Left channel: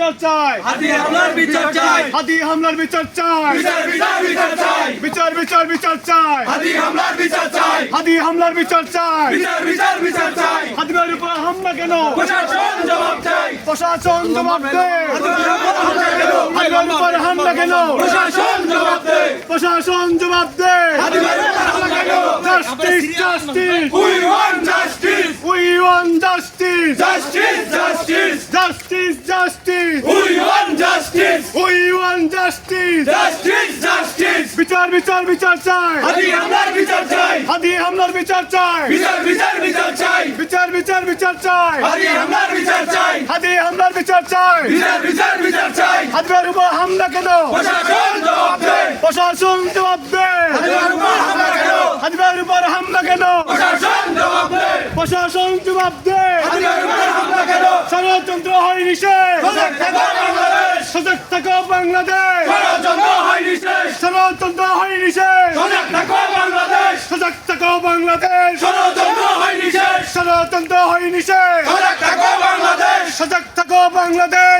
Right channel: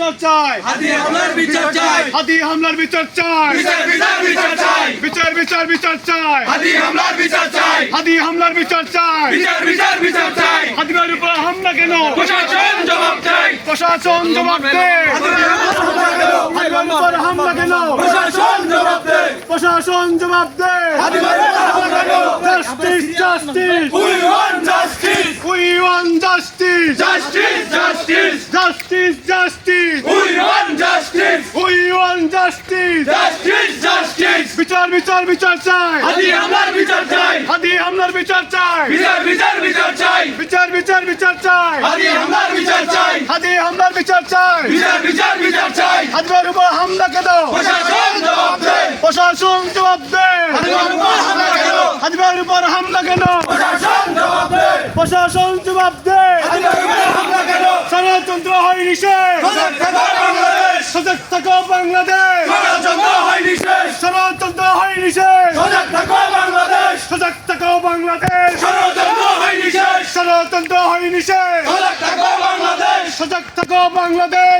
বিচার চাই। বিচার চাই। হাতি হামলার বিচার চাই। বিচার বিচার বিচার চাই। বিচার বিচার বিচার চাই। হাতি হামলার বিচার চাই। হাতি হামলার বিচার চাই। বিচার বিচার বিচার চাই। হাতিবাড়ির উপর হামলা কেন? প্রশাসন জবাব চাই। প্রশাসন জবাব দে। হাতিবাড়ির উপর হামলা কেন? প্রশাসন জবাব দে। প্রশাসন জবাব দে। হাদিমের উপর হামলা কেন? Justice justice we want justice we want justice justice justice justice justice we want justice we want justice justice justice বিচার বিচার বিচার চাই হাতি হামলার বিচার চাই হাতি হামলার বিচার চাই বিচার বিচার বিচার চাই বিচার বিচার বিচার চাই হাতি হামলার বিচার চাই হাতি হামলার বিচার চাই বিচার বিচার বিচার চাই হাতিবাড়ির উপর হামলা কেন প্রশাসন জবাব দে প্রশাসন জবাব দে হাতিবাড়ির উপর হামলা কেন হাতিবাড়ির উপর হামলা কেন প্রশাসন জবাব দে প্রশাসন জবাব দে হাতিবাড়ির উপর হামলা কেন ষড়যন্ত্র হয় নিষেধ সজাগ থাকো বাংলাদেশ। ষড়যন্ত্র হয়নি শেষ ষড়যন্ত্র হয় নিষেধ। সজাগ থাকো বাংলাদেশ। সজাগ থাকো বাংলাদেশ। ষড়যন্ত্র হয়নি শেষ ষড়যন্ত্র হয়নি শেষ সজাগ থাকো বাংলাদেশ। সজাগ থাকো বাংলাদেশ।